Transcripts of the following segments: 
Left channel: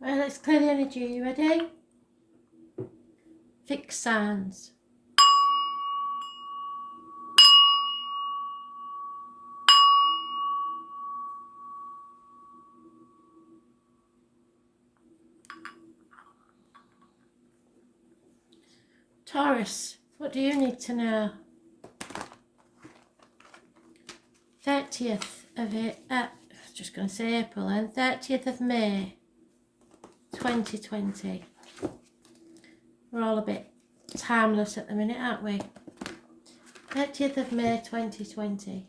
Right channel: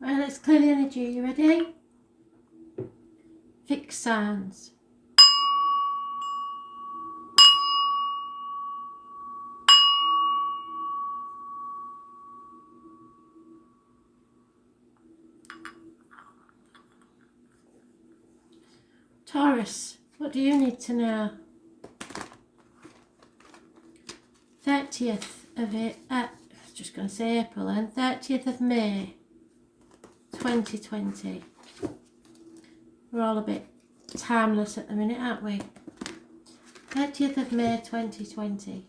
Right, let's clear the energy. You ready? Fixed signs. Taurus, what do you need to know? 30th of it, I was just going to say April, and 30th of May 2020. We're all a bit timeless at the minute, aren't we? 30th of May 2020.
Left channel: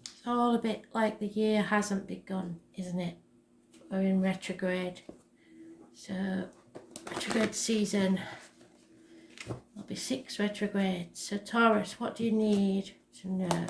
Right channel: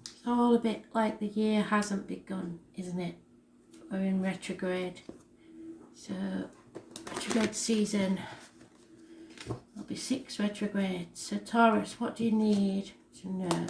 It's all a bit like the year hasn't begun, isn't it? We're in retrograde. So, retrograde season. There'll be 6 retrogrades. So, Taurus, what do you need to know?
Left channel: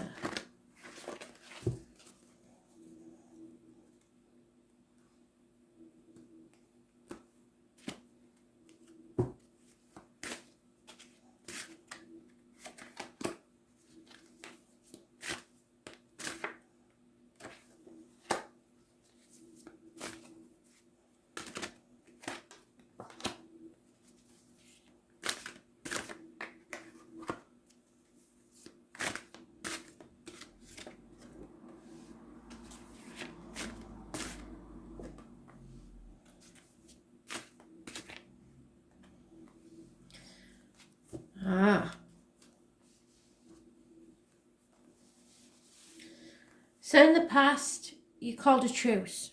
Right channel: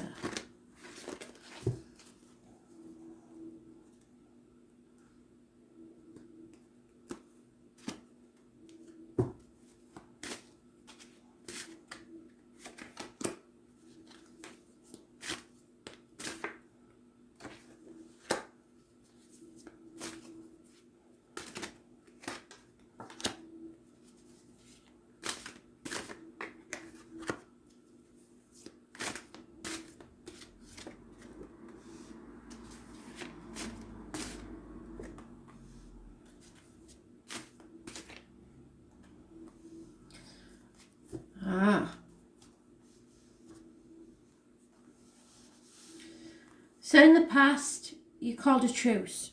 So in the past, you called a truce.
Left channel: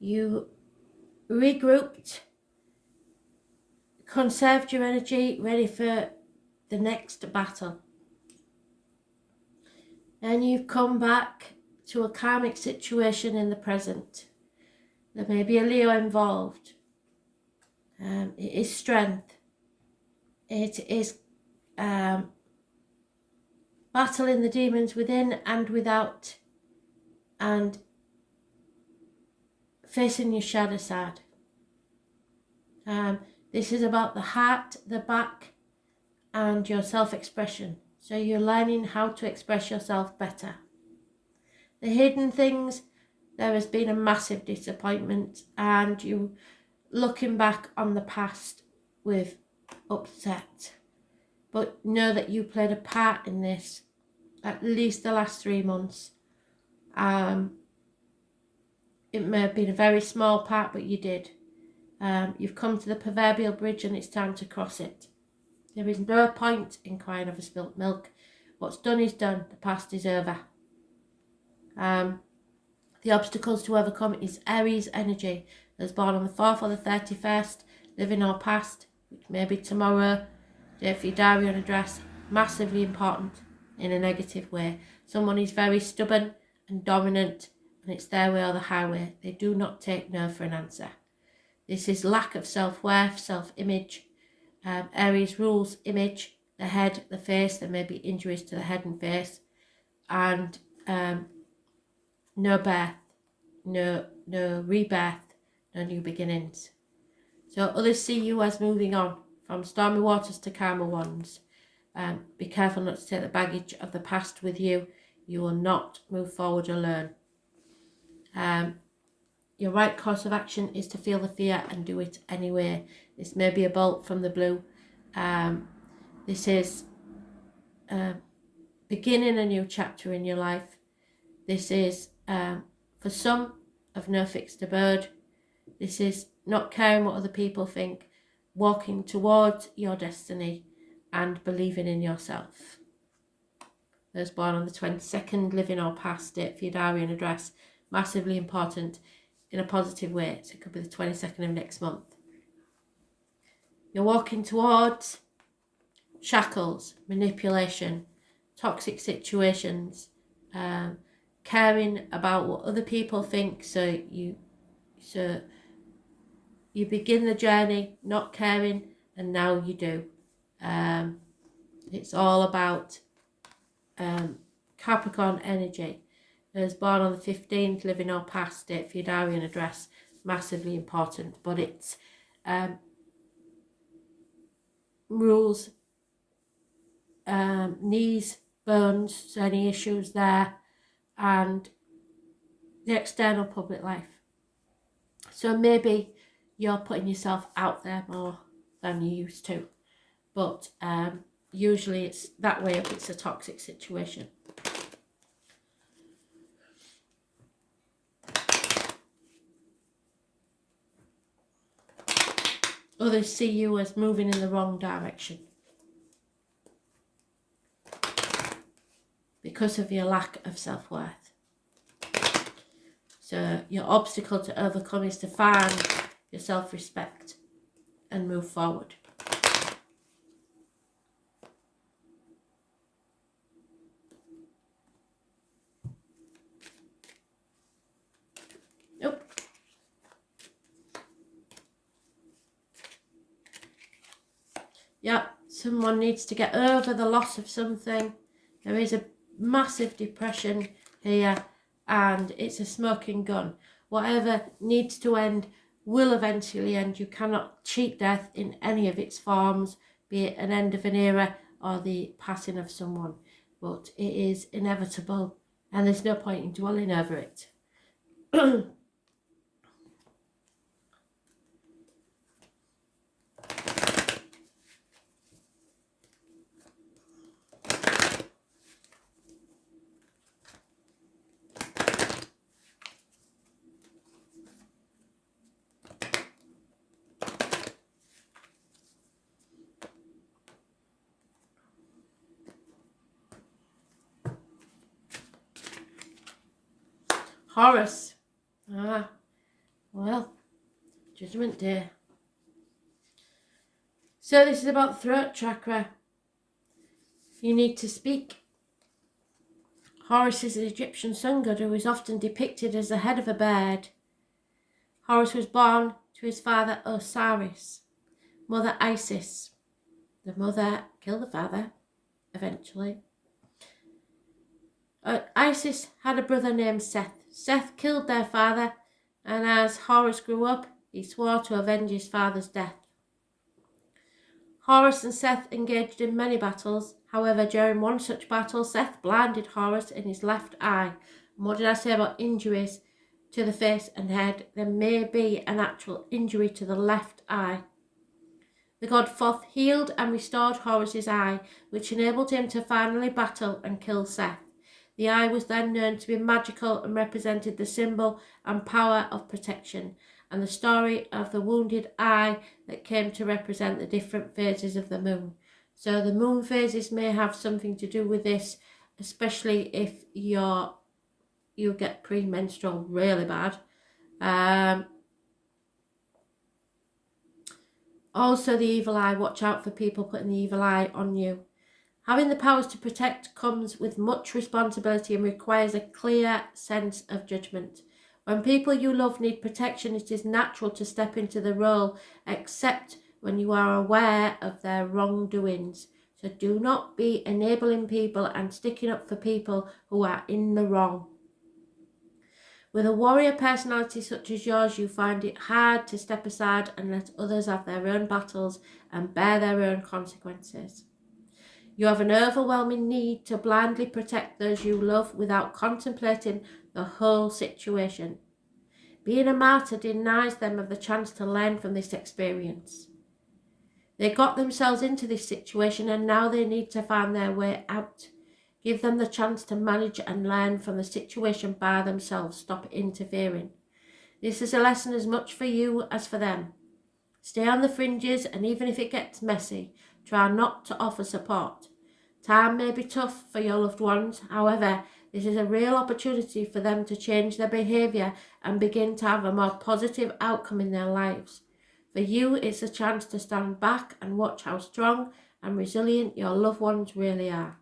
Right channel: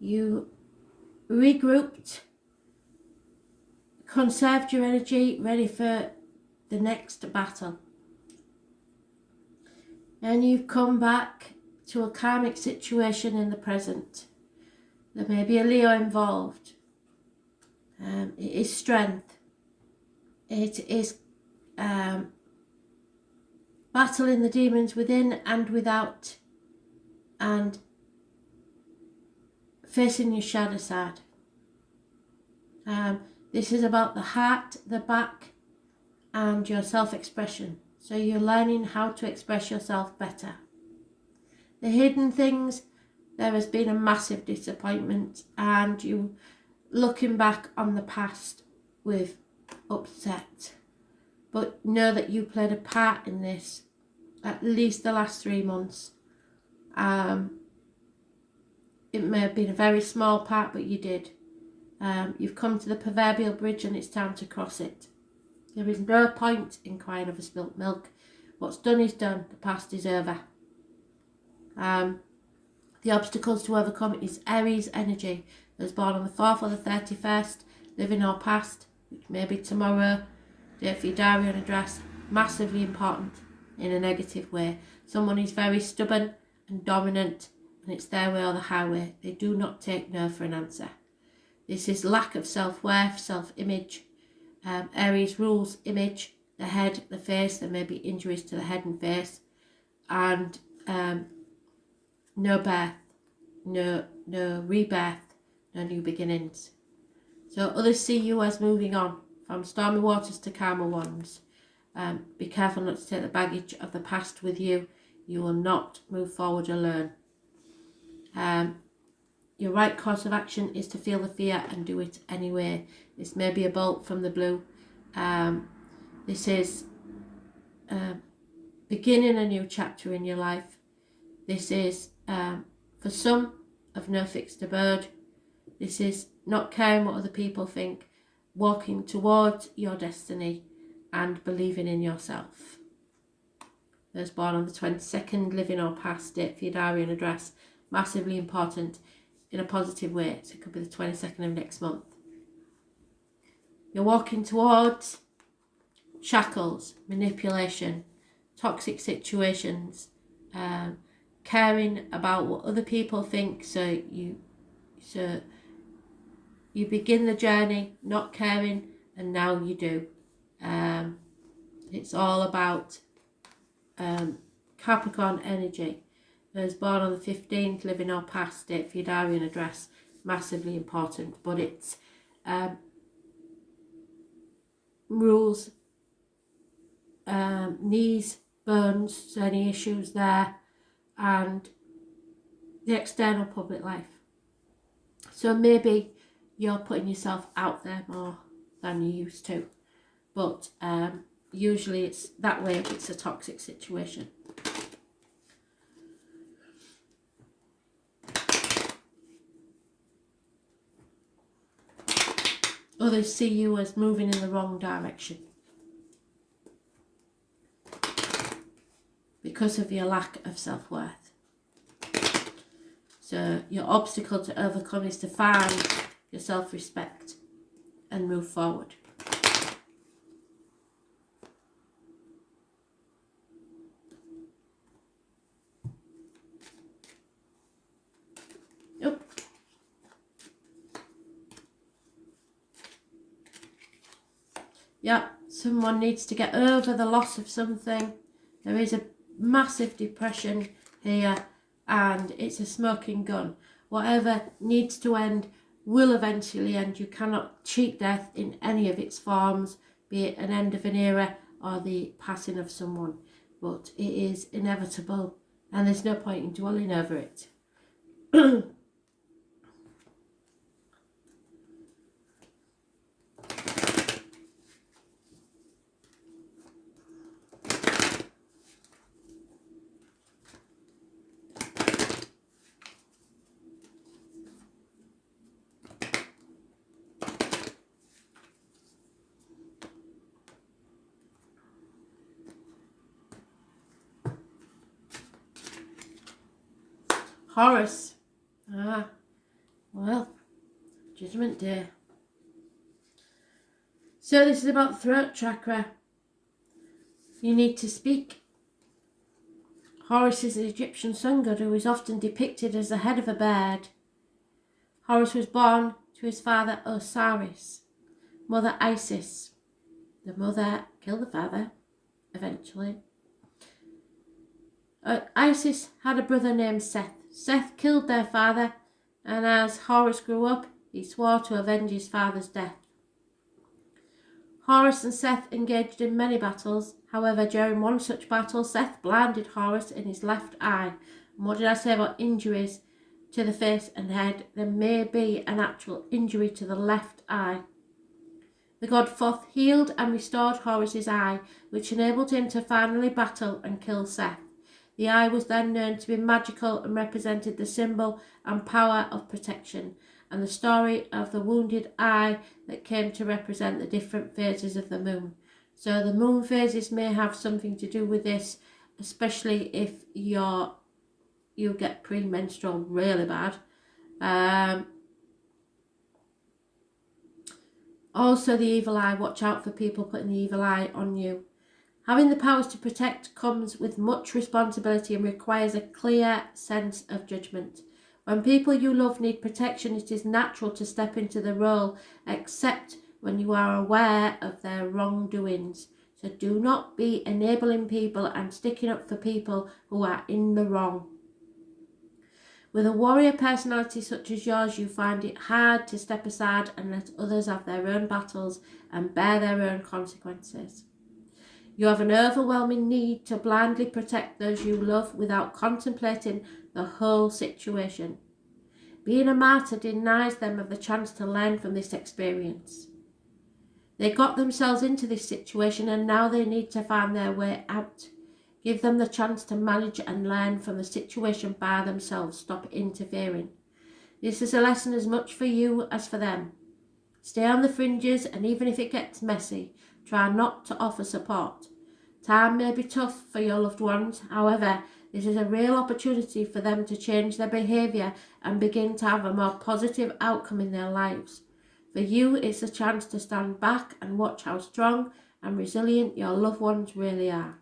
You regrouped, conserved your energy, ready for the next battle. And you've come back to a karmic situation in the present. There may be a Leo involved. It is strength. It is battling the demons within and without, and facing your shadow side. This is about the heart, the back, and your self-expression. So you're learning how to express yourself better. The hidden things, there has been a massive disappointment, and you looking back on the past with upset. But know that you played a part in this, at least the last 3 months. It may have been a very small part, but you did. You've come to the proverbial bridge and it's time to cross it. There is no point in crying over spilt milk. What's done is done. The past is over. The obstacles to overcome is Aries energy. Those born on the 4th or the 31st, living or past, which may be tomorrow, date for your diary and address, massively important in a negative way. Someone is very stubborn and dominant, and it's their way or the highway. They do not take no for an answer. This is lack of self-worth, self-image. Aries rules image, the head, the face. There may be injuries to the head and face. And no birth, no rebirth, no new beginnings. So others see you as moving on from stormy waters to calmer ones. Be careful not to take the baggage of the past with you. You will not move forward alone. Your right course of action is to feel the fear and do it anyway. This may be a bolt from the blue. This is beginning a new chapter in your life. This is, for some, of no fixed abode. This is not caring what other people think, walking towards your destiny and believing in yourself. Those born on the 22nd, living or past, date for your diary and address, massively important in a positive way. So it could be the 22nd of next month. You're walking towards shackles, manipulation, toxic situations, caring about what other people think. So you begin the journey not caring, and now you do. It's all about Capricorn energy. Those born on the 15th, living or past, date for your diary and address, massively important. But it's rules, knees, bones, so any issues there, and the external public life. So maybe you're putting yourself out there more than you used to, but usually it's that way if it's a toxic situation. Others see you as moving in the wrong direction because of your lack of self-worth. So your obstacle to overcome is to find your self-respect and move forward. Yep, someone needs to get over the loss of something. There is a massive depression here and it's a smoking gun. Whatever needs to end will eventually end. You cannot cheat death in any of its forms, be it an end of an era or the passing of someone. But it is inevitable and there's no point in dwelling over it. Taurus. Well, Judgment Day. So this is about throat chakra. You need to speak. Horus is an Egyptian sun god who is often depicted as the head of a bird. Horus was born to his father Osiris, mother Isis. The mother killed the father, eventually. Isis had a brother named Seth. Seth killed their father, and as Horus grew up, he swore to avenge his father's death. Horus and Seth engaged in many battles. However, during one such battle, Seth blinded Horus in his left eye. And what did I say about injuries to the face and head? There may be an actual injury to the left eye. The god Thoth healed and restored Horus's eye, which enabled him to finally battle and kill Seth. The eye was then known to be magical and represented the symbol and power of protection, and the story of the wounded eye that came to represent the different phases of the moon. So the moon phases may have something to do with this, especially if you get premenstrual really bad. Also the evil eye, watch out for people putting the evil eye on you. Having the powers to protect comes with much responsibility and requires a clear sense of judgment. When people you love need protection, it is natural to step into the role, except when you are aware of their wrongdoings. So do not be enabling people and sticking up for people who are in the wrong. With a warrior personality such as yours, you find it hard to step aside and let others have their own battles and bear their own consequences. You have an overwhelming need to blindly protect those you love without contemplating the whole situation. Being a martyr denies them of the chance to learn from this experience. They got themselves into this situation and now they need to find their way out. Give them the chance to manage and learn from the situation by themselves. Stop interfering. This is a lesson as much for you as for them. Stay on the fringes, and even if it gets messy, try not to offer support. Time may be tough for your loved ones. However, this is a real opportunity for them to change their behaviour and begin to have a more positive outcome in their lives. For you, it's a chance to stand back and watch how strong and resilient your loved ones really are.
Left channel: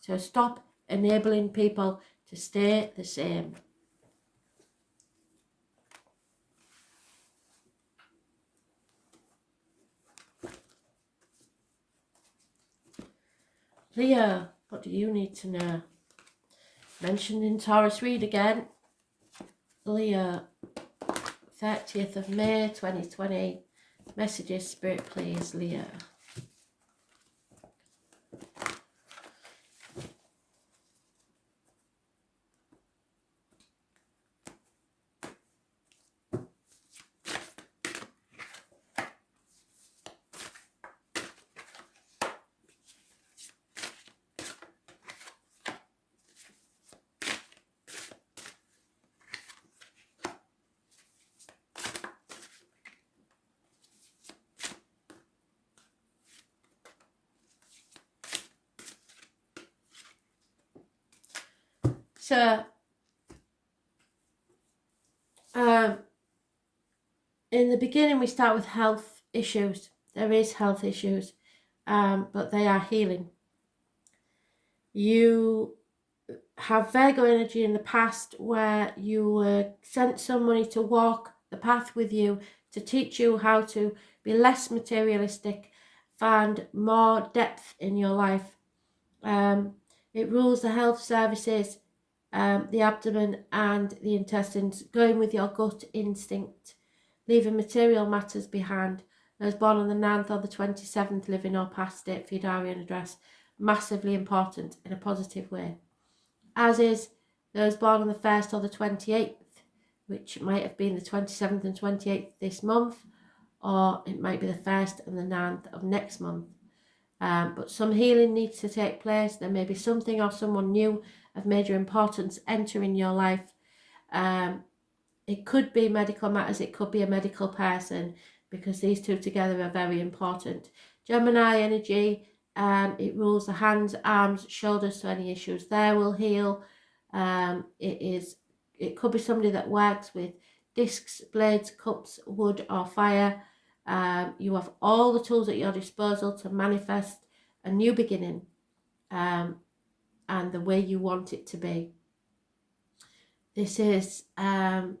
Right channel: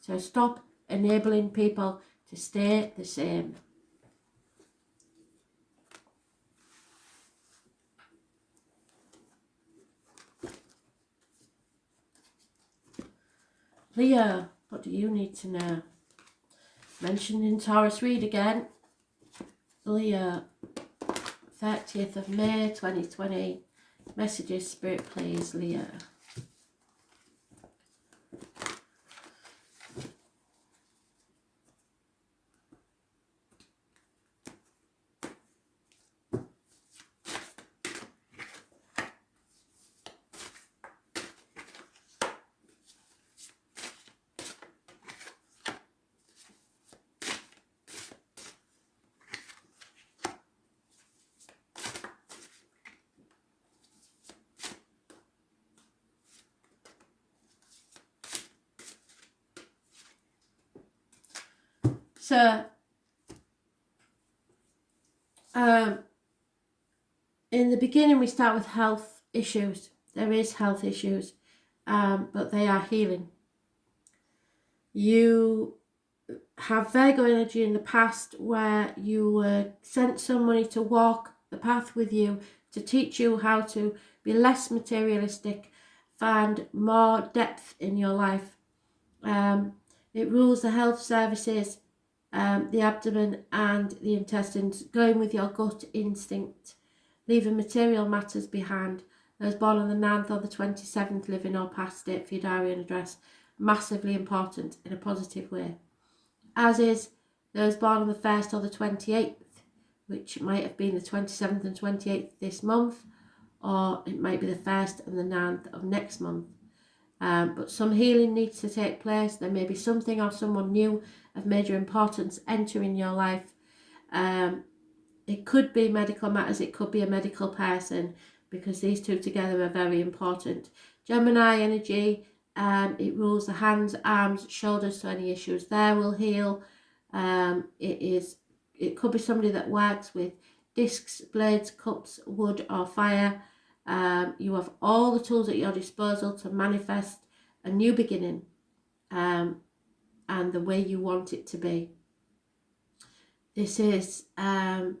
So stop enabling people to stay the same. Leo, what do you need to know? Mentioned in Taurus read again. Leo, 30th of May 2020. Messages, Spirit, please, Leo. So, in the beginning, we start with health issues. There is health issues, but they are healing. You have Virgo energy in the past where you sent somebody to walk the path with you to teach you how to be less materialistic, find more depth in your life. It rules the health services, the abdomen and the intestines, going with your gut instinct, leaving material matters behind. Those born on the 9th or the 27th, living or past date for your diary and address, massively important in a positive way. As is those born on the 1st or the 28th, which might have been the 27th and 28th this month, or it might be the 1st and the 9th of next month. But some healing needs to take place. There may be something or someone new of major importance entering your life. It could be medical matters, it could be a medical person, because these two together are very important. Gemini energy, it rules the hands, arms, shoulders, so any issues there will heal. It could be somebody that works with discs, blades, cups, wood or fire. You have all the tools at your disposal to manifest a new beginning, and the way you want it to be. This is, as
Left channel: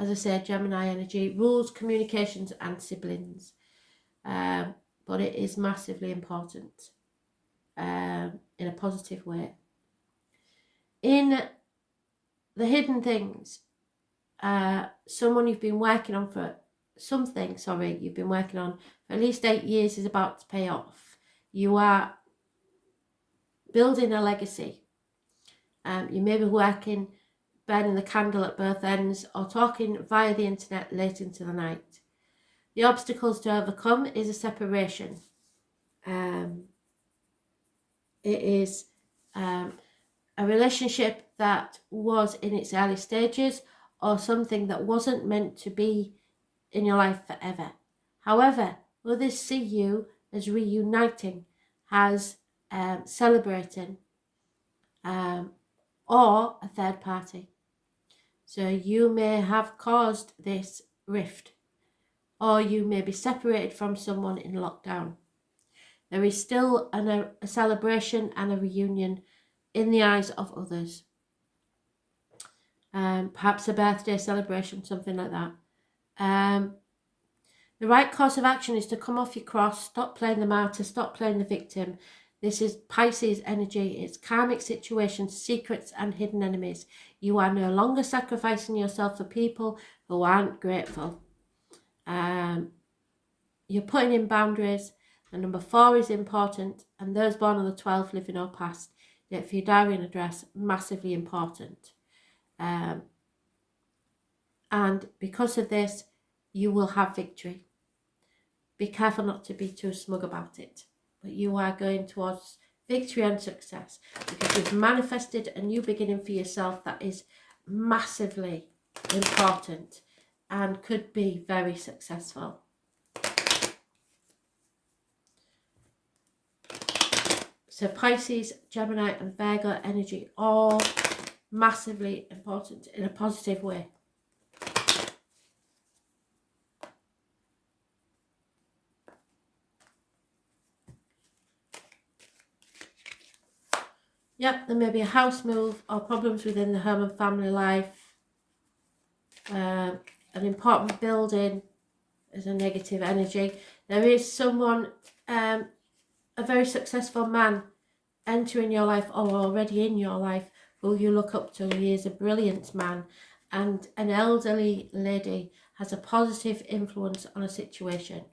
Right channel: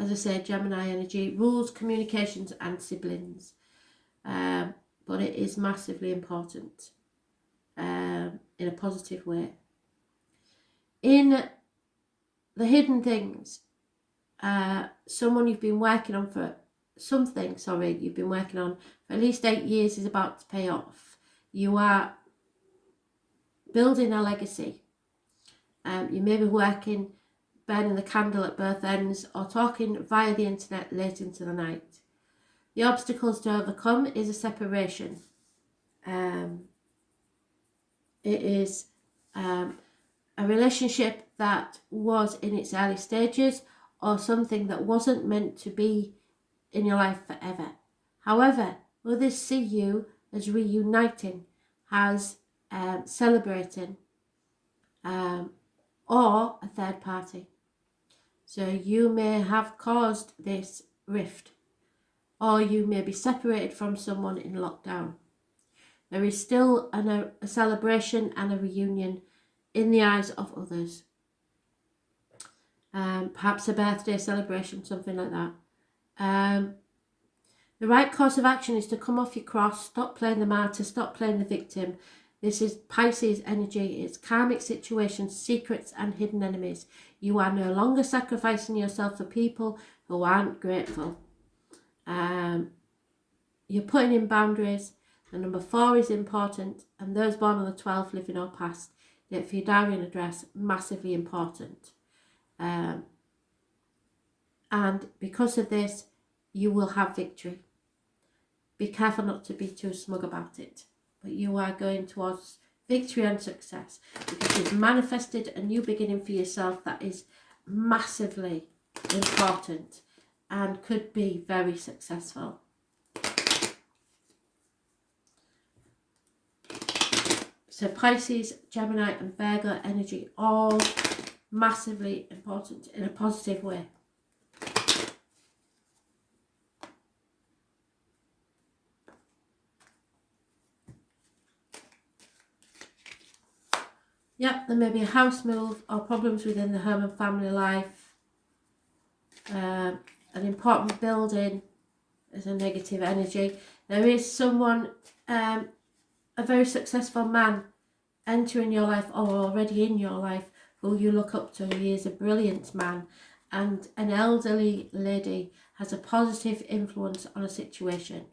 I say, Gemini energy, rules communications and siblings, but it is massively important in a positive way. In the hidden things, someone you've been working on for you've been working on for at least 8 years is about to pay off. You are building a legacy. You may be working, burning the candle at both ends, or talking via the internet late into the night. The obstacles to overcome is a separation. It is a relationship that was in its early stages, or something that wasn't meant to be in your life forever. However, others see you as reuniting, as celebrating, or a third party. So you may have caused this rift, or you may be separated from someone in lockdown. There is still a celebration and a reunion in the eyes of others. Perhaps a birthday celebration, something like that. The right course of action is to come off your cross, stop playing the martyr, stop playing the victim. This is Pisces energy. It's karmic situations, secrets and hidden enemies. You are no longer sacrificing yourself for people who aren't grateful. You're putting in boundaries. The number 4 is important, and those born on the 12th, living or past, date for your diary and address, massively important. And because of this, you will have victory. Be careful not to be too smug about it, but you are going towards victory and success, because you've manifested a new beginning for yourself that is massively important and could be very successful. So Pisces, Gemini and Virgo energy, all massively important in a positive way. Yep, there may be a house move or problems within the home and family life. An important building is a negative energy. There is someone, a very successful man entering your life or already in your life who you look up to. He is a brilliant man, and an elderly lady has a positive influence on a situation.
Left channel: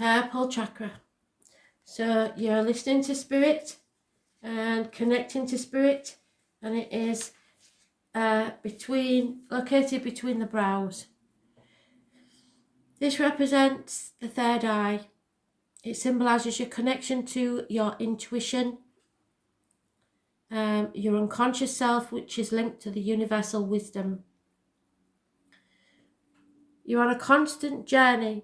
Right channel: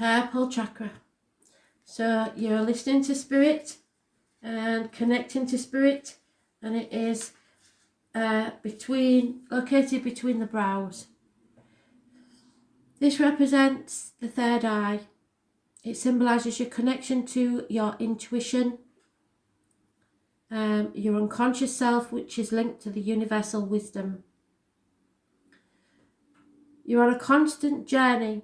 Purple chakra. So you're listening to spirit and connecting to spirit, and it is located between the brows. This represents the third eye. It symbolises your connection to your intuition, your unconscious self, which is linked to the universal wisdom. You're on a constant journey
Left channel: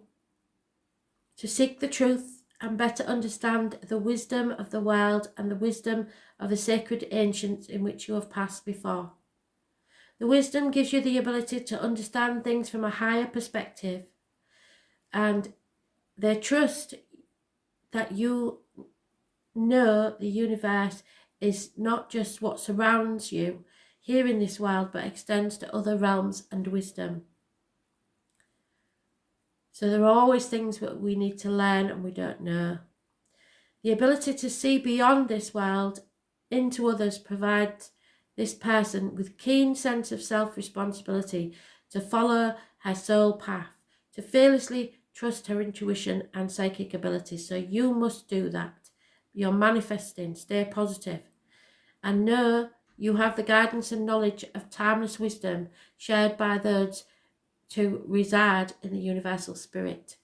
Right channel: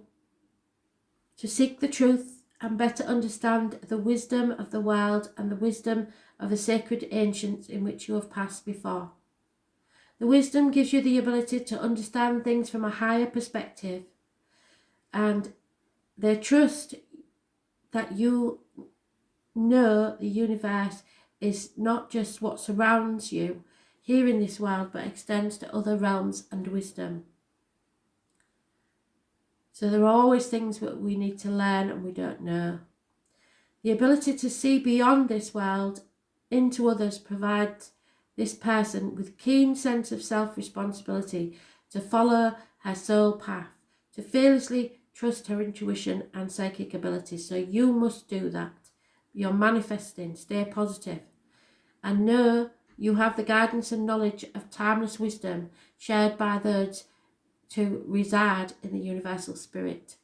to seek the truth and better understand the wisdom of the world and the wisdom of the sacred ancients in which you have passed before. The wisdom gives you the ability to understand things from a higher perspective, and they trust that you know the universe is not just what surrounds you here in this world, but extends to other realms and wisdom. So there are always things that we need to learn and we don't know. The ability to see beyond this world into others provides this person with keen sense of self-responsibility to follow her soul path, to fearlessly trust her intuition and psychic abilities. So you must do that. You're manifesting, stay positive, and know you have the guidance and knowledge of timeless wisdom shared by those to reside in the universal spirit.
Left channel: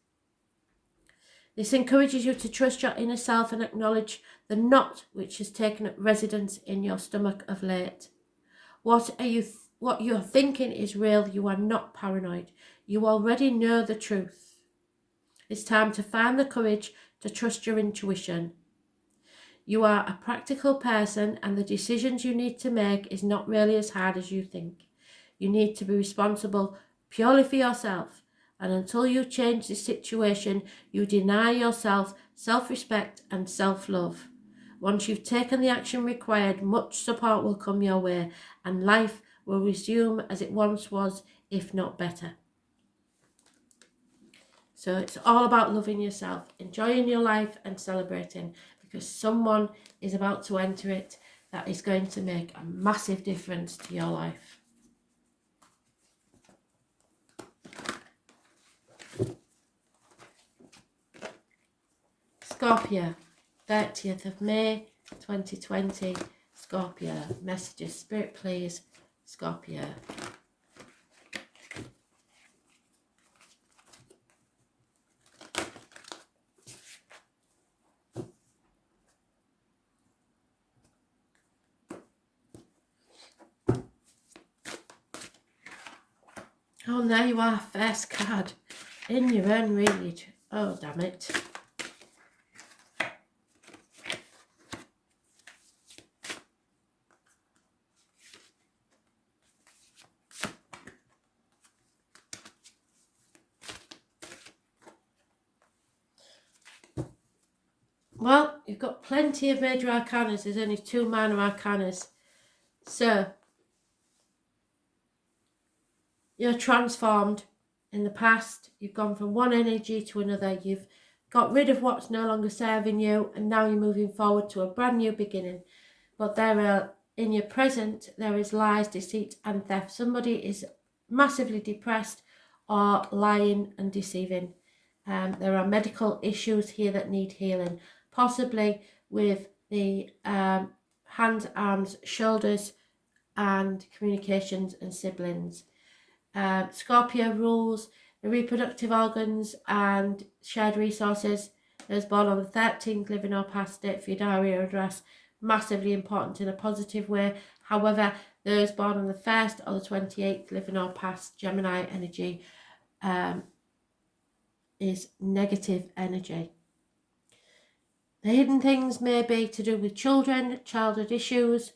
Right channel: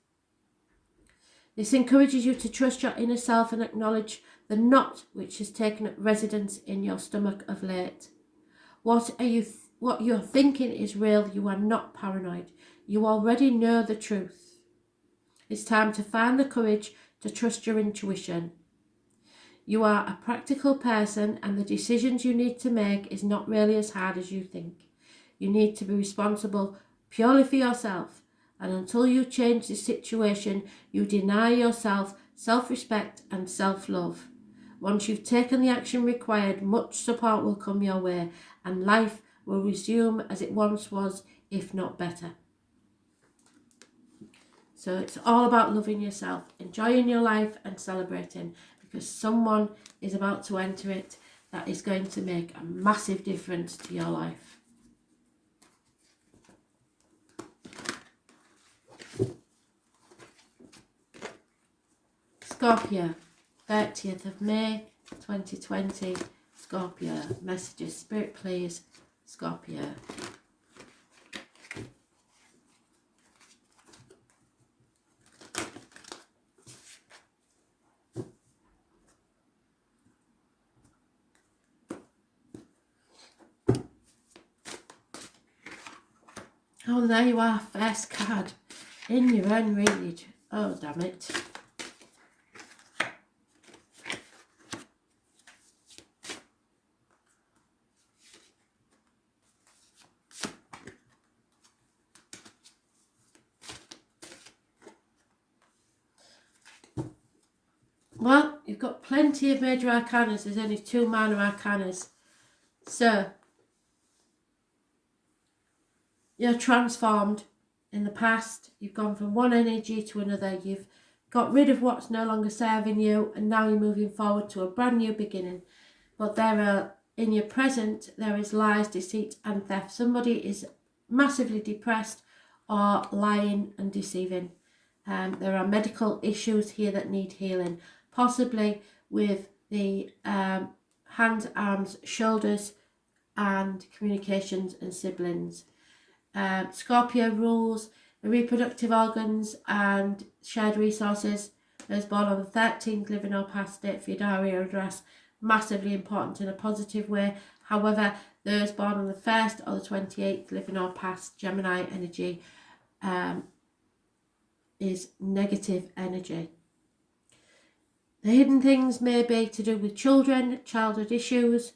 This encourages you to trust your inner self and acknowledge the knot which has taken up residence in your stomach of late. What you're thinking is real. You are not paranoid. You already know the truth. It's time to find the courage to trust your intuition. You are a practical person, and the decisions you need to make is not really as hard as you think. You need to be responsible purely for yourself, and until you change the situation, you deny yourself self-respect and self-love. Once you've taken the action required, much support will come your way, and life will resume as it once was, if not better. So it's all about loving yourself, enjoying your life and celebrating, because someone is about to enter it that is going to make a massive difference to your life. Scorpio, 30th of May 2020. Scorpio, messages, Spirit please. Scorpio. Oh, there you are, first card in your own read. Oh, damn it. Well, you've got plenty of major arcanas. There's only 2 minor arcanas. So, you're transformed in the past. You've gone from one energy to another. You've got rid of what's no longer serving you, and now you're moving forward to a brand new beginning. But in your present, there is lies, deceit and theft. Somebody is massively depressed or lying and deceiving. There are medical issues here that need healing, possibly with the hands, arms, shoulders and communications and siblings. Scorpio rules the reproductive organs and shared resources. Those born on the 13th, living or past, date for your diary or address, massively important in a positive way. However, those born on the 1st or the 28th, living or past, Gemini energy, is negative energy. The hidden things may be to do with children, childhood issues,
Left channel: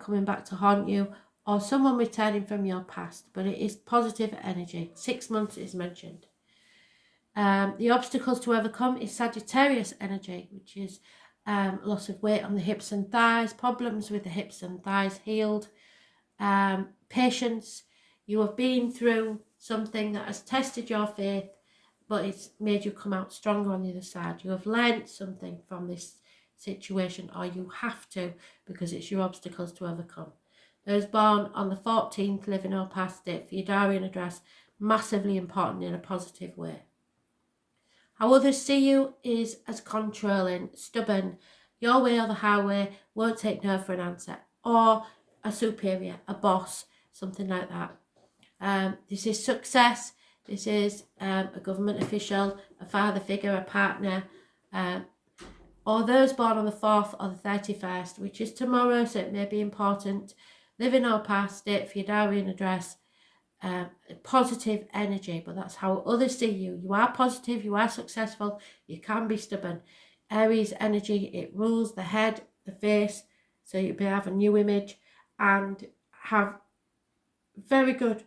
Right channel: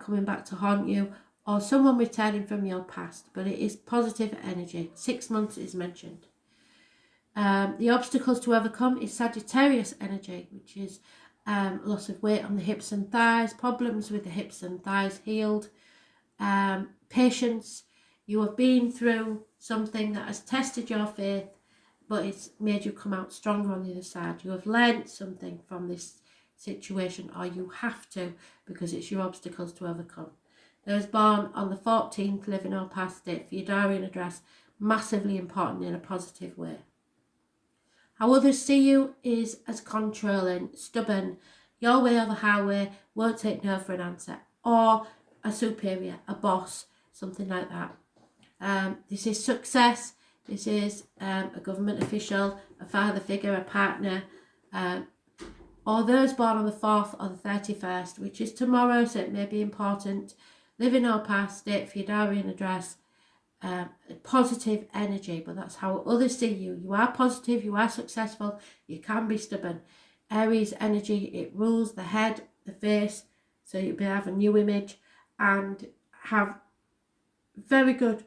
coming back to haunt you, or someone returning from your past, but it is positive energy. 6 months is mentioned. The obstacles to overcome is Sagittarius energy, which is loss of weight on the hips and thighs, problems with the hips and thighs healed, patience. You have been through something that has tested your faith, but it's made you come out stronger on the other side. You have learned something from this situation, or you have to, because it's your obstacles to overcome. Those born on the 14th, living or past, date for your diary and address, massively important in a positive way. How others see you is as controlling, stubborn, your way or the highway, won't take no for an answer, or a superior, a boss, something like that. This is success. This is a government official, a father figure, a partner, or those born on the 4th or the 31st, which is tomorrow, so it may be important. Live in our past, date for your diary and address. Positive energy, but that's how others see you. You are positive, you are successful, you can be stubborn. Aries energy, it rules the head, the face, so you'll be have a new image and have very good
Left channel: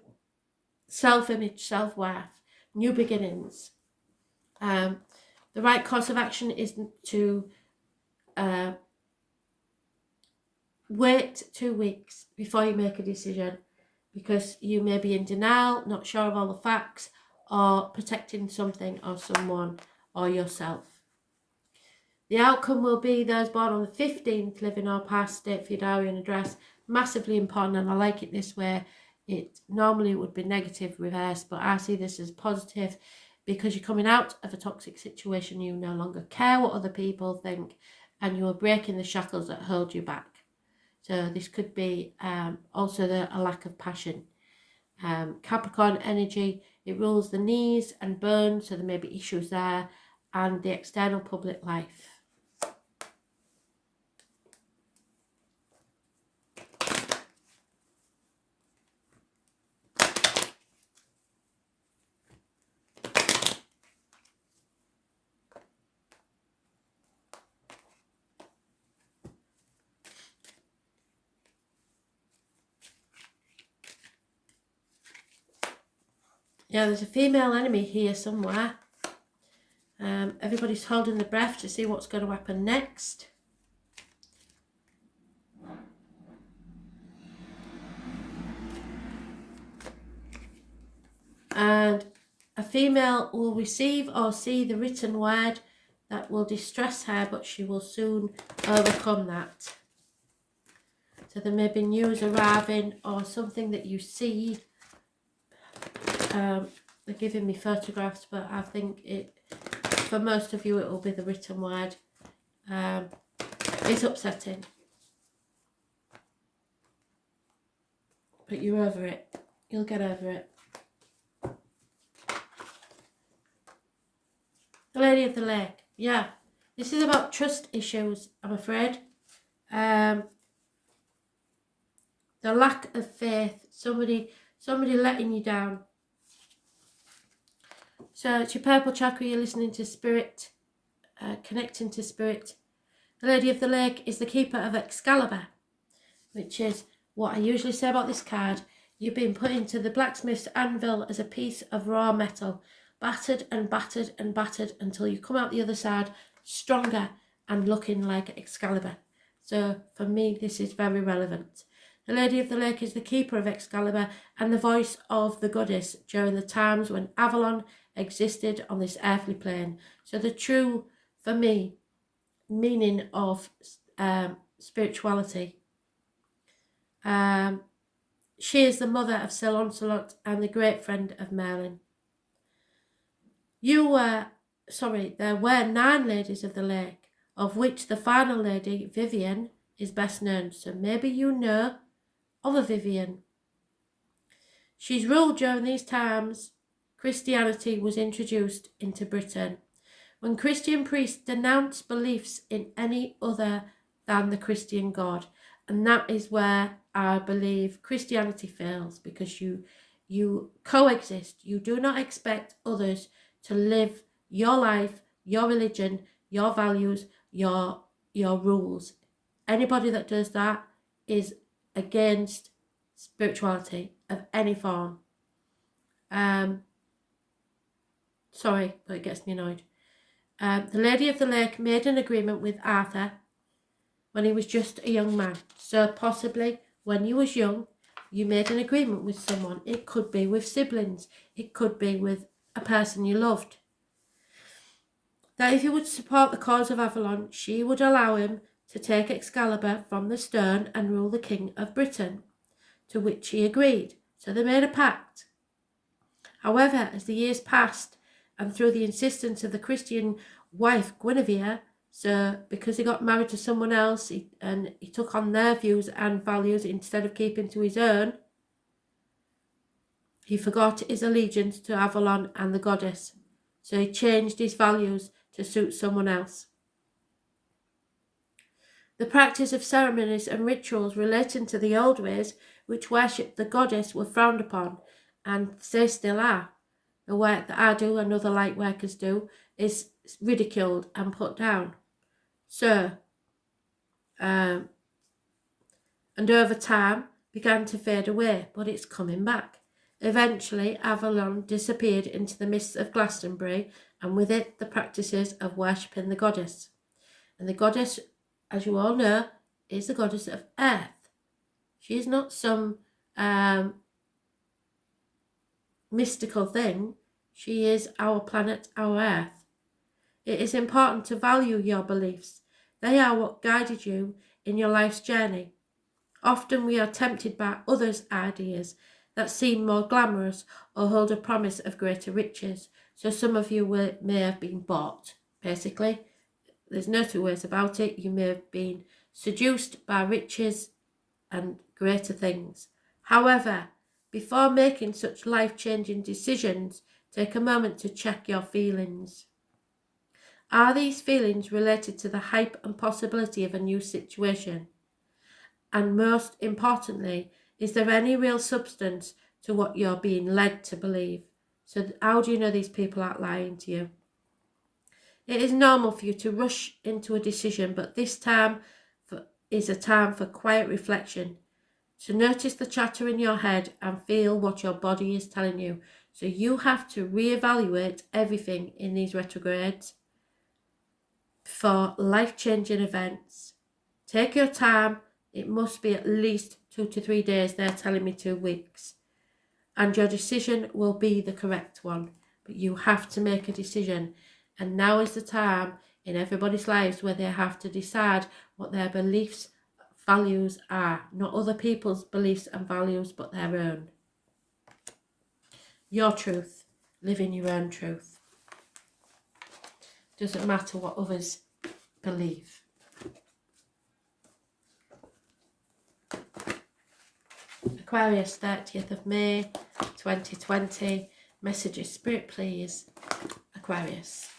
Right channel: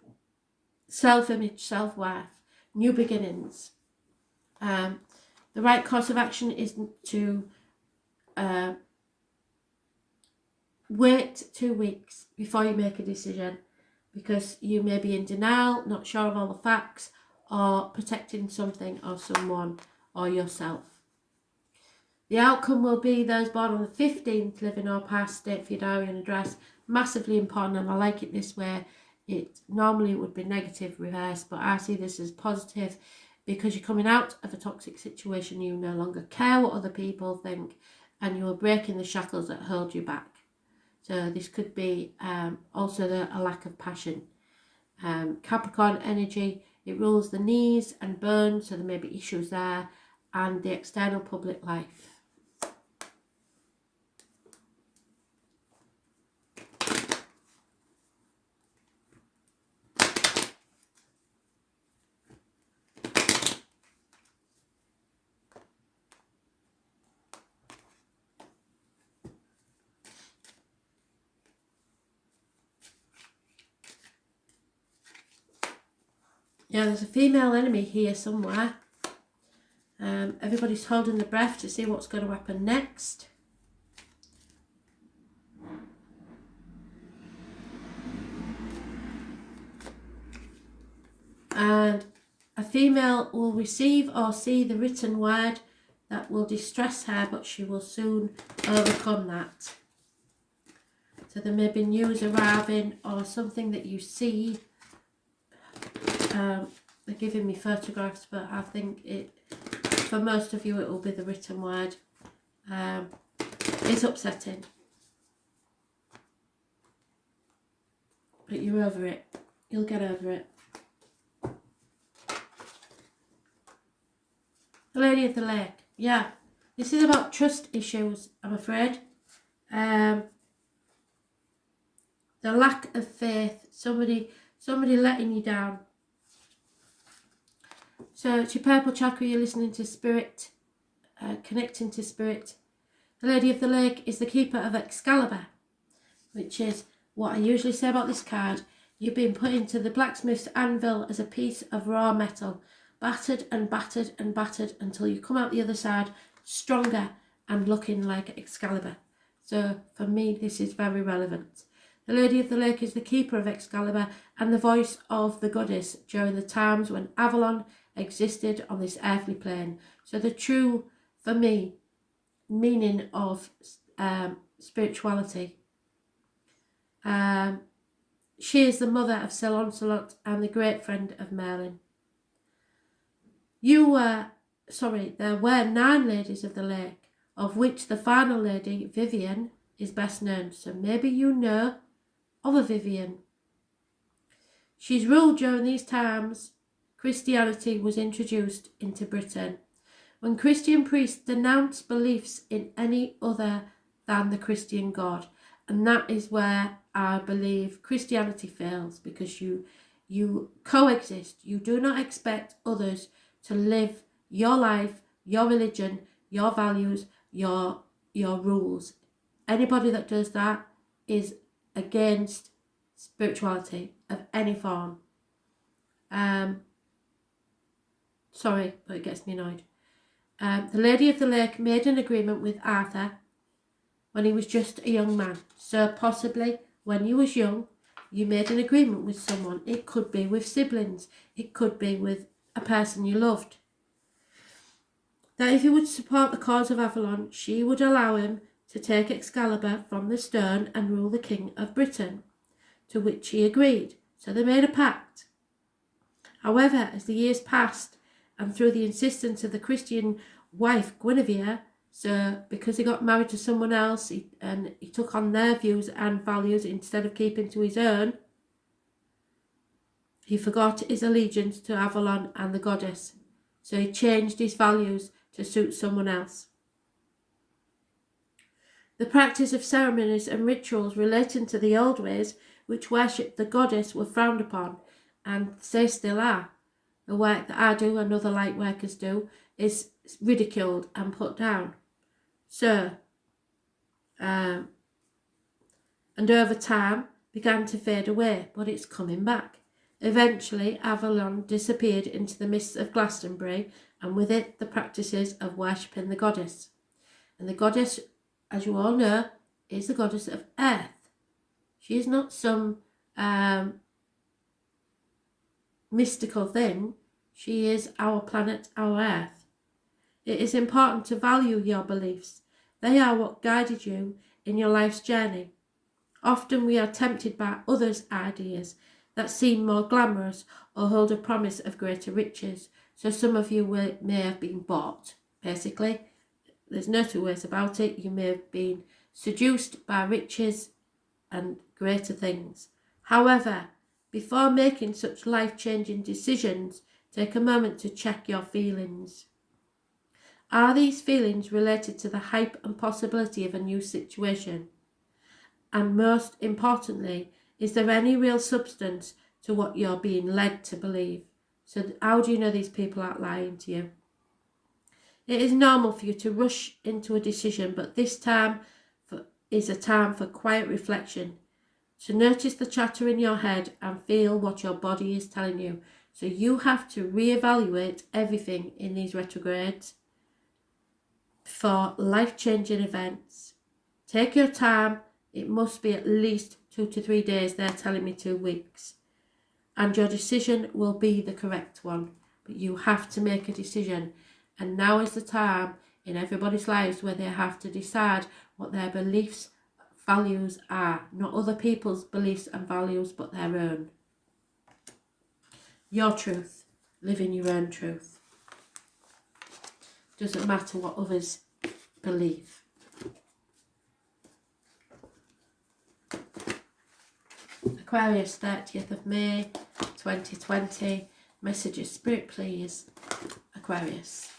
self-image, self-worth, new beginnings. The right course of action is to wait 2 weeks before you make a decision, because you may be in denial, not sure of all the facts, or protecting something or someone or yourself. The outcome will be those born on the 15th, live in our past, date for your diary and address. Massively important, and I like it this way. It normally would be negative reverse, but I see this as positive, because you're coming out of a toxic situation. You no longer care what other people think, and you are breaking the shackles that hold you back. So this could be also a lack of passion. Capricorn energy, it rules the knees and bones, so there may be issues there, and the external public life. Yeah, there's a female enemy here somewhere. Everybody's holding their breath to see what's going to happen next. And a female will receive or see the written word that will distress her, but she will soon overcome that. So there may be news arriving or something that you see. They're giving me photographs, but I think for most of you it will be the written word. It's upsetting, but you're over it. You'll get over it. The Lady of the Lake. Yeah, this is about trust issues, I'm afraid. The lack of faith. Somebody letting you down. So it's your purple chakra, you're listening to spirit, connecting to spirit. The Lady of the Lake is the keeper of Excalibur, which is what I usually say about this card. You've been put into the blacksmith's anvil as a piece of raw metal, battered and battered and battered until you come out the other side stronger and looking like Excalibur. So for me, this is very relevant. The Lady of the Lake is the keeper of Excalibur and the voice of the goddess during the times when Avalon existed on this earthly plane. So the true, for me, meaning of spirituality. She is the mother of Sir Lancelot and the great friend of Merlin. There were 9 ladies of the lake, of which the final lady, Vivian, is best known. So maybe you know of a Vivian. She's ruled during these times. Christianity was introduced into Britain. When Christian priests denounced beliefs in any other than the Christian God. And that is where I believe Christianity fails, because you coexist. You do not expect others to live your life, your religion, your values, your rules. Anybody that does that is against spirituality of any form. Sorry, but it gets me annoyed. The Lady of the Lake made an agreement with Arthur when he was just a young man. So possibly when you was young, you made an agreement with someone. It could be with siblings. It could be with a person you loved. That if he would support the cause of Avalon, she would allow him to take Excalibur from the stone and rule the King of Britain, to which he agreed. So they made a pact. However, as the years passed, and through the insistence of the Christian wife Guinevere, so because he got married to someone else and he took on their views and values instead of keeping to his own, he forgot his allegiance to Avalon and the goddess. So he changed his values to suit someone else. The practice of ceremonies and rituals relating to the old ways which worshipped the goddess were frowned upon, and they still are. The work that I do and other light workers do is ridiculed and put down. So, and over time began to fade away, but it's coming back. Eventually, Avalon disappeared into the mists of Glastonbury, and with it the practices of worshipping the goddess. And the goddess, as you all know, is the goddess of earth. She is not some mystical thing. She is our planet, our earth. It is important to value your beliefs. They are what guided you in your life's journey. Often we are tempted by others' ideas that seem more glamorous or hold a promise of greater riches. So some of you may have been bought, basically. There's no two ways about it. You may have been seduced by riches and greater things. However, before making such life-changing decisions, take a moment to check your feelings. Are these feelings related to the hype and possibility of a new situation? And most importantly, is there any real substance to what you're being led to believe? So how do you know these people aren't lying to you? It is normal for you to rush into a decision, but this time is a time for quiet reflection, to notice the chatter in your head and feel what your body is telling you. So you have to reevaluate everything in these retrogrades for life-changing events. Take your time. It must be at least 2 to 3 days. They're telling me 2 weeks. And your decision will be the correct one. But you have to make a decision. And now is the time in everybody's lives where they have to decide what their beliefs, values are. Not other people's beliefs and values, but their own. Your truth. Live in your own truth. Doesn't matter what others believe. Aquarius, 30th of May, 2020. Messages, Spirit, please. Aquarius.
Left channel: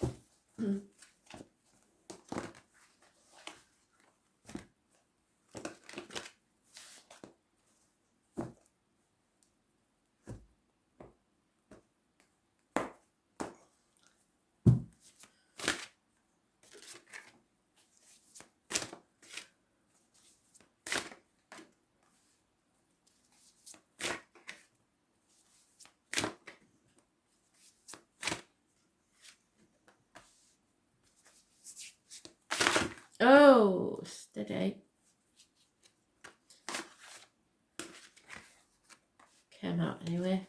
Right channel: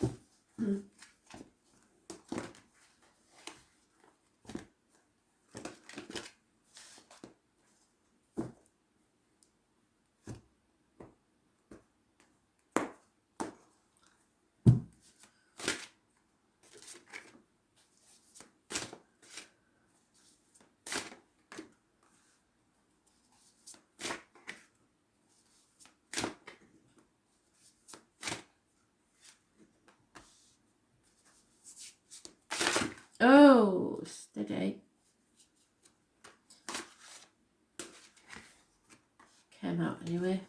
Oh, steady. Came out anyway.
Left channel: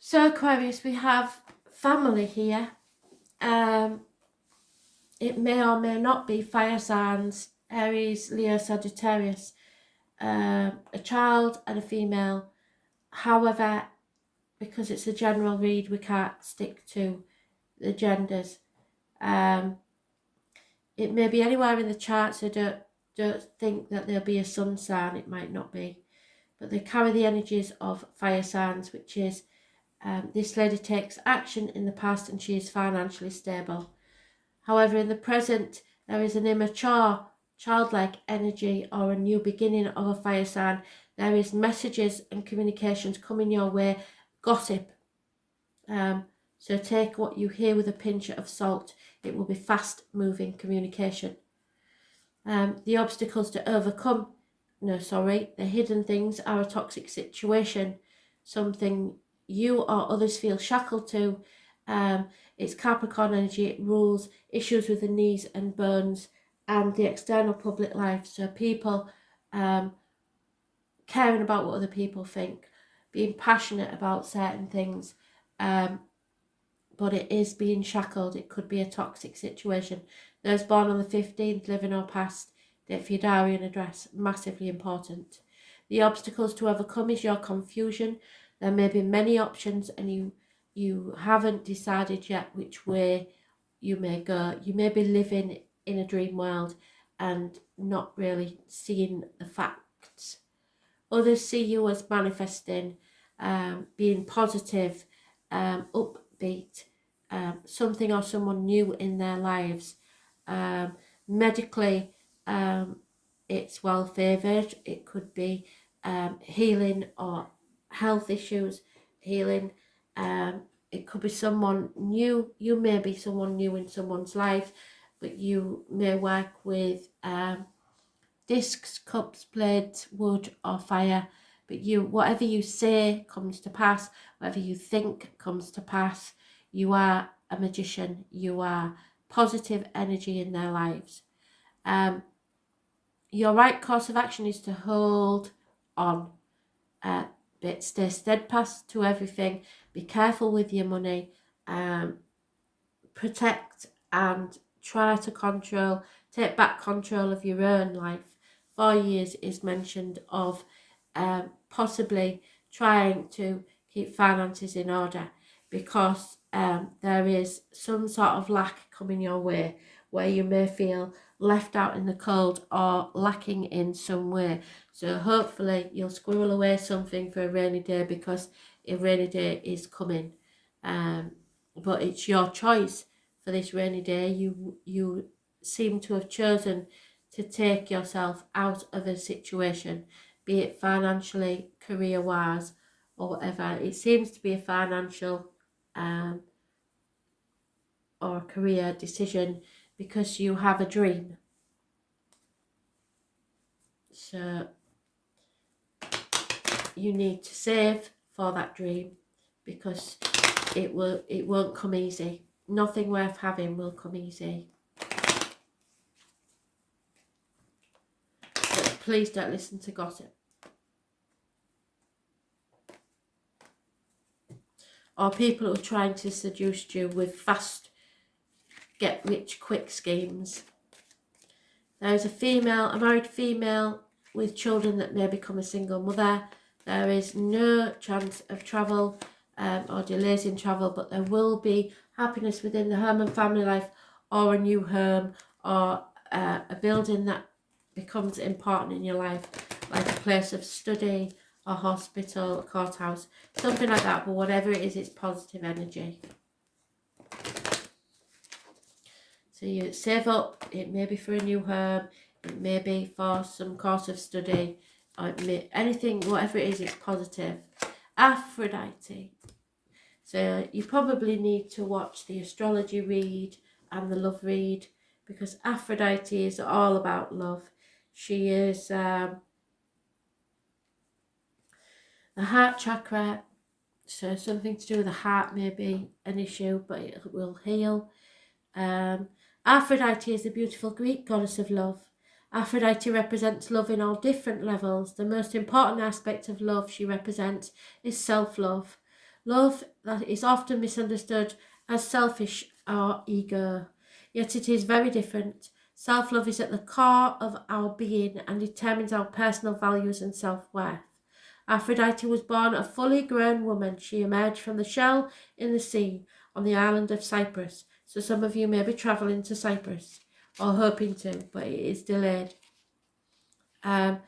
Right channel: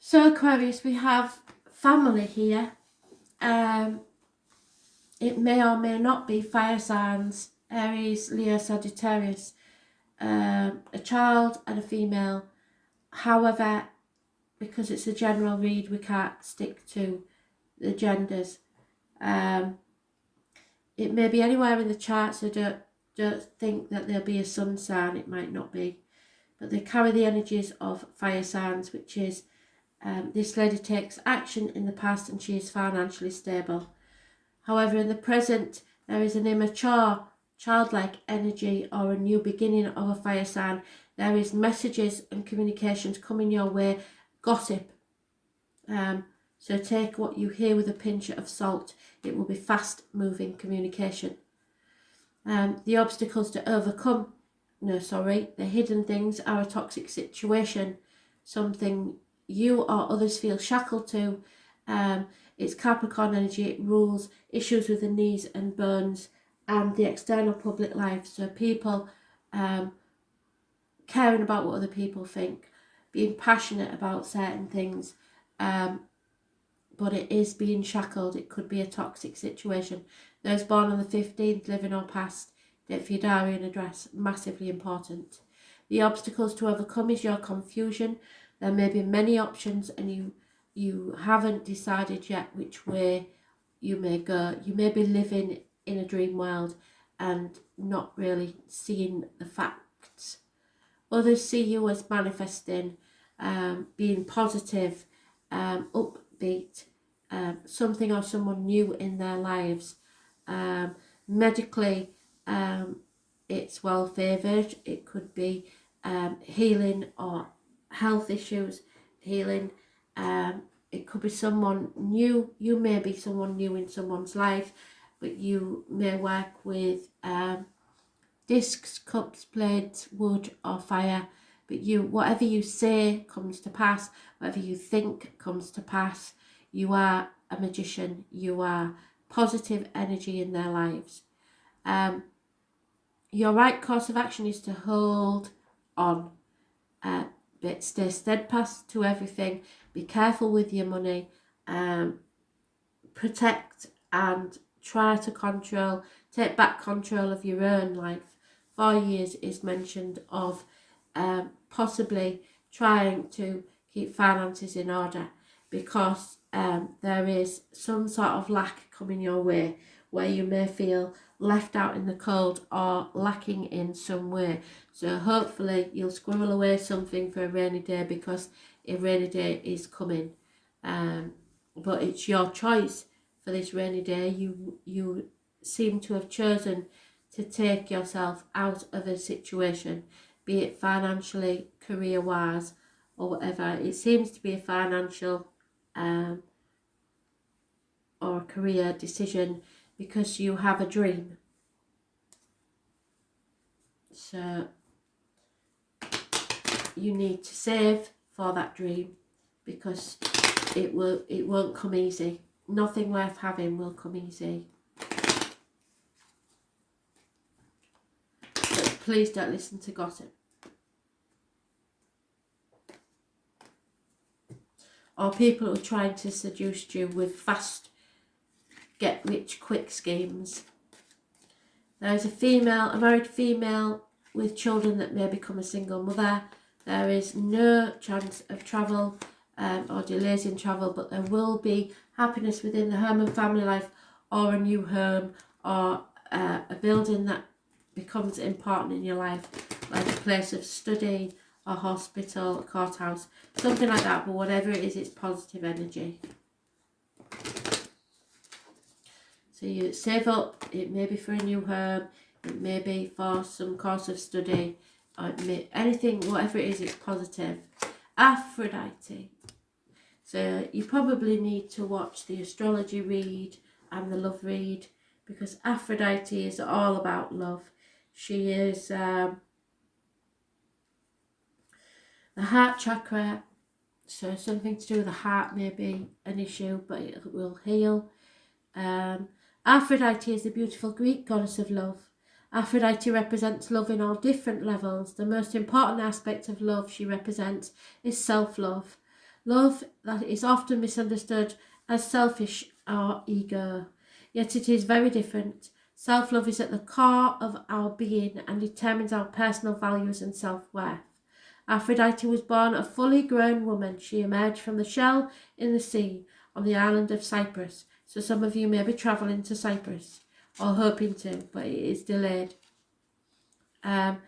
So Aquarius, we have family here. It may or may not be fire signs, Aries, Leo, Sagittarius, a child and a female. However, because it's a general read, we can't stick to the genders. It may be anywhere in the chart, so don't think that there'll be a sun sign. It might not be, but they carry the energies of fire signs, which is this lady takes action in the past and she is financially stable. However, in the present, there is an immature, childlike energy or a new beginning of a fire sign. There is messages and communications coming your way, gossip. So take what you hear with a pinch of salt. It will be fast-moving communication. The obstacles to overcome, the hidden things are a toxic situation, something you or others feel shackled to. It's Capricorn energy. It rules issues with the knees and bones and the external public life. So people caring about what other people think, being passionate about certain things, but it is being shackled. It could be a toxic situation. Those born on the 15th, living or past, date for your diary and address, massively important. The obstacles to overcome is your confusion. There may be many options and you haven't decided yet which way you may go. You may be living in a dream world and not really seeing the facts. Others see you as manifesting, being positive, upbeat, something or someone new in their lives. Medically, it's well favoured. It could be healing or health issues, healing. It could be someone new. You may be someone new in someone's life, but you may work with discs, cups, plates, wood or fire. But whatever you say comes to pass. Whatever you think comes to pass. You are a magician. You are positive energy in their lives. Your right course of action is to hold on. But stay steadfast to everything. Be careful with your money. Protect and try to take back control of your own life. 4 years is mentioned of possibly trying to keep finances in order, because there is some sort of lack coming your way where you may feel left out in the cold or lacking in some way. So hopefully you'll squirrel away something for a rainy day, because a rainy day is coming. But it's your choice for this rainy day. You seem to have chosen to take yourself out of a situation, be it financially, career-wise, or whatever. It seems to be a financial or a career decision, because you have a dream. So you need to save for that dream, because it won't come easy. Nothing worth having will come easy. But please don't listen to gossip. Or people who are trying to seduce you with fast get-rich-quick schemes. There is a married female with children that may become a single mother. There is no chance of travel or delays in travel, but there will be happiness within the home and family life, or a new home, or a building that becomes important in your life, like a place of study, a hospital, courthouse, something like that. But whatever it is, it's positive energy. So you save up. It may be for a new home, it may be for some course of study, or anything, whatever it is, it's positive. Aphrodite. So you probably need to watch the astrology read and the love read, because Aphrodite is all about love. She is the heart chakra, so something to do with the heart may be an issue, but it will heal. Aphrodite is the beautiful Greek goddess of love. Aphrodite represents love in all different levels. The most important aspect of love she represents is self-love. Love that is often misunderstood as selfish or ego, yet it is very different. Self-love is at the core of our being and determines our personal values and self-worth. Aphrodite was born a fully grown woman. She emerged from the shell in the sea on the island of Cyprus. So some of you may be travelling to Cyprus, or hoping to, but it is delayed. The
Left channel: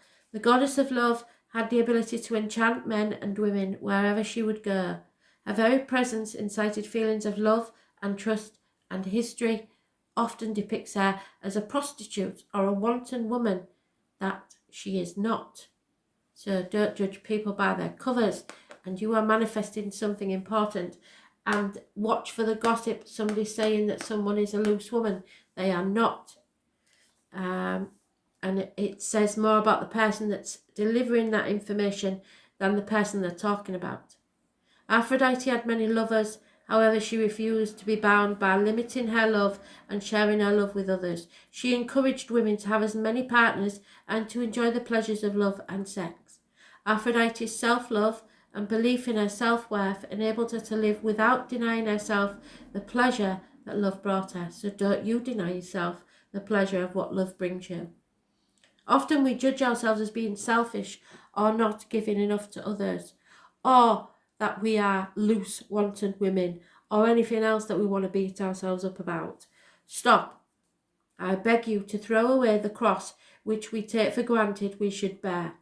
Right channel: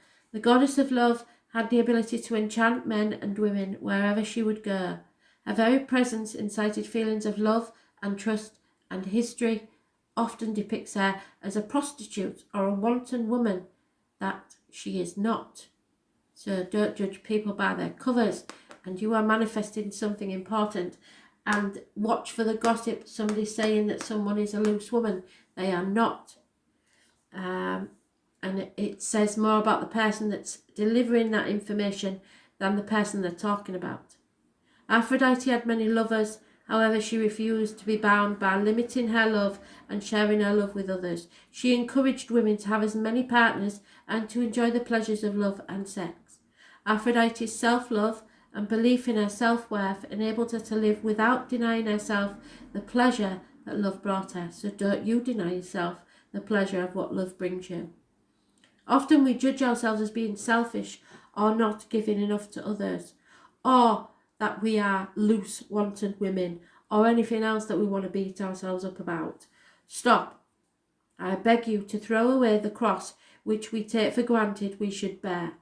goddess of love had the ability to enchant men and women wherever she would go. Her very presence incited feelings of love and trust, and history often depicts her as a prostitute or a wanton woman that she is not. So don't judge people by their covers, and you are manifesting something important. And watch for the gossip, somebody saying that someone is a loose woman. They are not. And it says more about the person that's delivering that information than the person they're talking about. Aphrodite had many lovers. However, she refused to be bound by limiting her love and sharing her love with others. She encouraged women to have as many partners and to enjoy the pleasures of love and sex. Aphrodite's self-love and belief in her self-worth enabled her to live without denying herself the pleasure that love brought her. So don't you deny yourself the pleasure of what love brings you. Often we judge ourselves as being selfish or not giving enough to others, or that we are loose, wanton women, or anything else that we want to beat ourselves up about. Stop. I beg you to throw away the cross which we take for granted we should bear.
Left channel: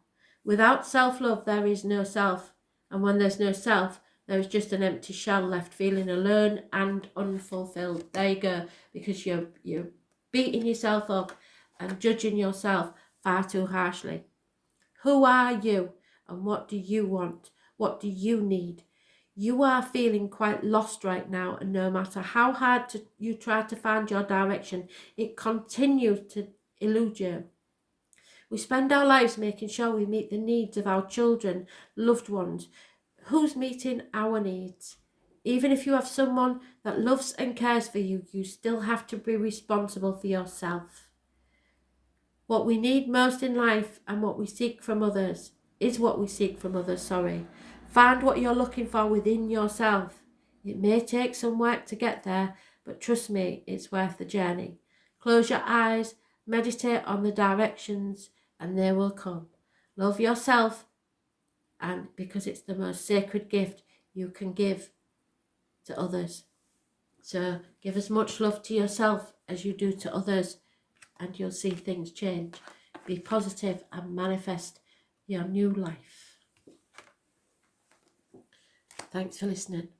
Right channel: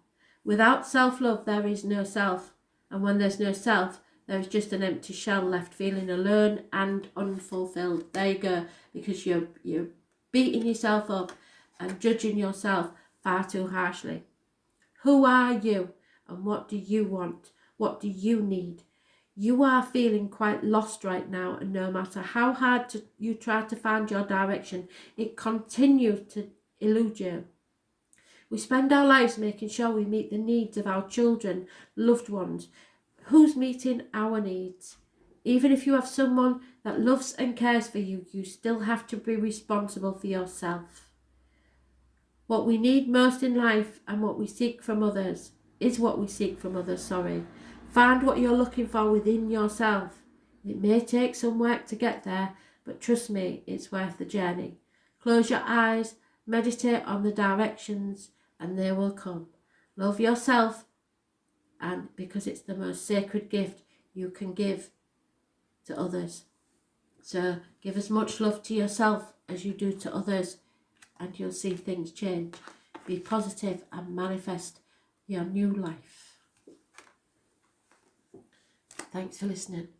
Without self-love, there is no self. And when there's no self, there is just an empty shell left feeling alone and unfulfilled. There you go. Because you're beating yourself up and judging yourself far too harshly. Who are you? And what do you want? What do you need? You are feeling quite lost right now, and no matter how hard you try to find your direction, it continues to elude you. We spend our lives making sure we meet the needs of our children, loved ones. Who's meeting our needs? Even if you have someone that loves and cares for you, you still have to be responsible for yourself. What we need most in life and what we seek from others is what we seek from others, Find what you're looking for within yourself. It may take some work to get there, but trust me, it's worth the journey. Close your eyes, meditate on the directions, and they will come. Love yourself, and because it's the most sacred gift you can give to others. So give as much love to yourself as you do to others, and you'll see things change. Be positive and manifest your new life. Thanks for listening.